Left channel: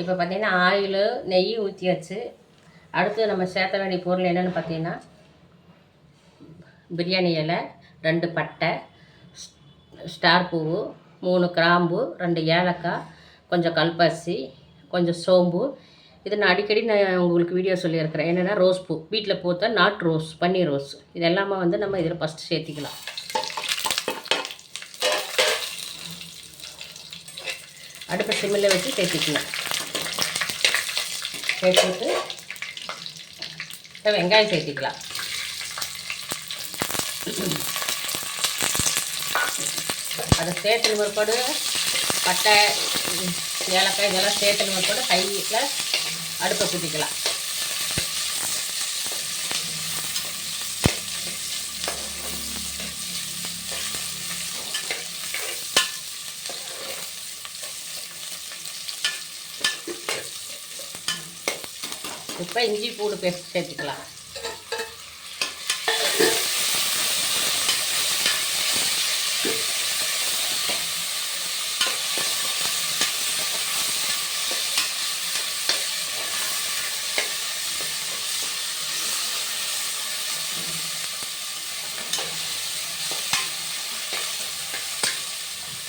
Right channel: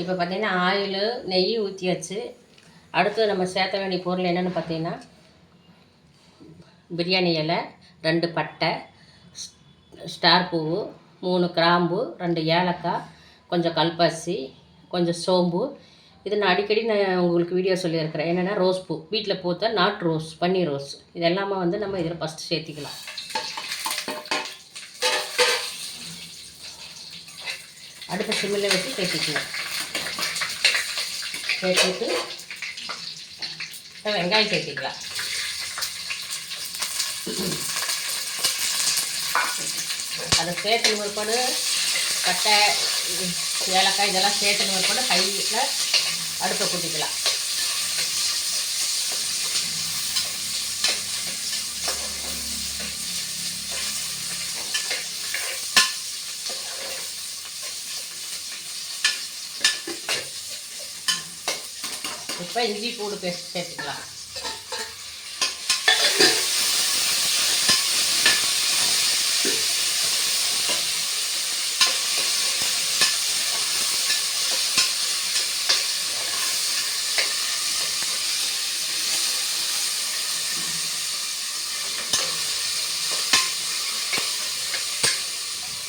இப்போ பார்த்திங்கன்னா ஆயில் நெய் ஊற்றியாச்சு. அடுத்து நம்ம சேர்த்த வேண்டிய பொருள் என்னென்னு பார்த்தீங்கன்னா, பிரியாணி இலை, 2 பட்டை, ஸ்டார் பூவு, 3 கிராம்பு, 2 ஏலக்காய், கொஞ்சம் கல்பாசி, கொஞ்சம் சோம்பு. இது நான் அடிக்கடி உங்களுக்கு வீடியோ சொல்லியிருக்கிறேன். என்னென்னா ரோஸ் பூ, வீட்டில் பூத்த நாட்டு ரோஸ், பன்னீர் ரோஸ். இது எல்லாமே வந்து நம்ம இதில் ஃபஸ்ட்டு சேர்த்திக்கலாம். அடுப்பை சிம்மில் வச்சு சேர்த்திக்கலாம். சேர்த்துட்டு வெங்காயம் சேர்த்திக்கலாம். அதை சேர்த்து முற்பாடு பட்டை, ஏலக்காய் இதெல்லாம் சேர்த்து முற்பாடு ஹையில் அடுப்பை கூட்டிக்கலாம். இப்போ இஞ்சி பூண்டு பேஸ்ட் சேர்த்துக்கலாம்.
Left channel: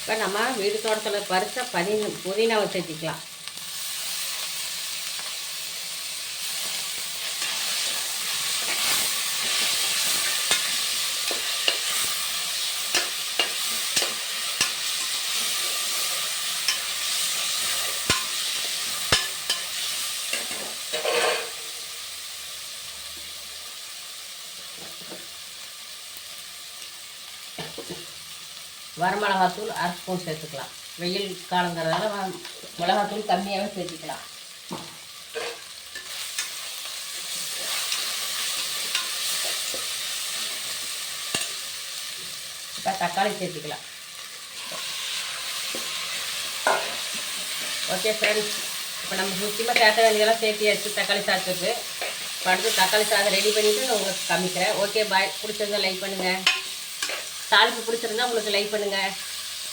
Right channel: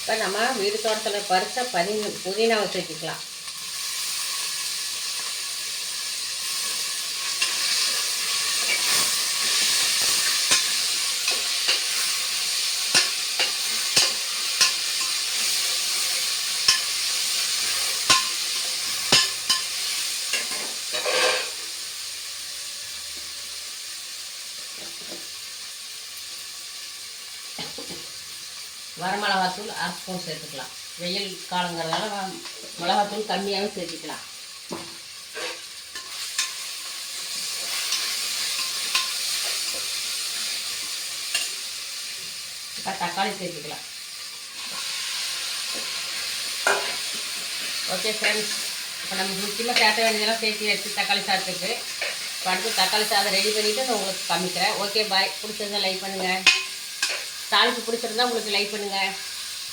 இப்போ நம்ம வீடு தோட்டத்தில் பறித்த புதினாவை சேர்த்திக்கலாம். வரமிளகாத்தூள் 1/2 ஸ்பூன் சேர்த்துக்கலாம். வெயில் காலங்கிறதால மிளகாத்தூள் கம்மியாகவே சேர்த்துக்கலாம். இப்போ தக்காளி சேர்த்துக்கலாம். ஓகே ஃப்ரெண்ட்ஸ், இப்போ நம்ம முக்கியமாக சேர்த்த வேண்டியதெல்லாம் சேர்த்து வச்சு தக்காளி சாதத்துக்கு இப்போ அடுத்து தக்காளி சாதம் ரெடி பண்ணிவிட்டு நான் உங்களுக்கு காமிக்கிறேன். Okay bye. பிடிச்சிருந்தா லைக் பண்ணுங்கள். தாளிப்பு பிடிச்சிருந்தா உங்களுக்கு லைக் பண்ணுங்கள்.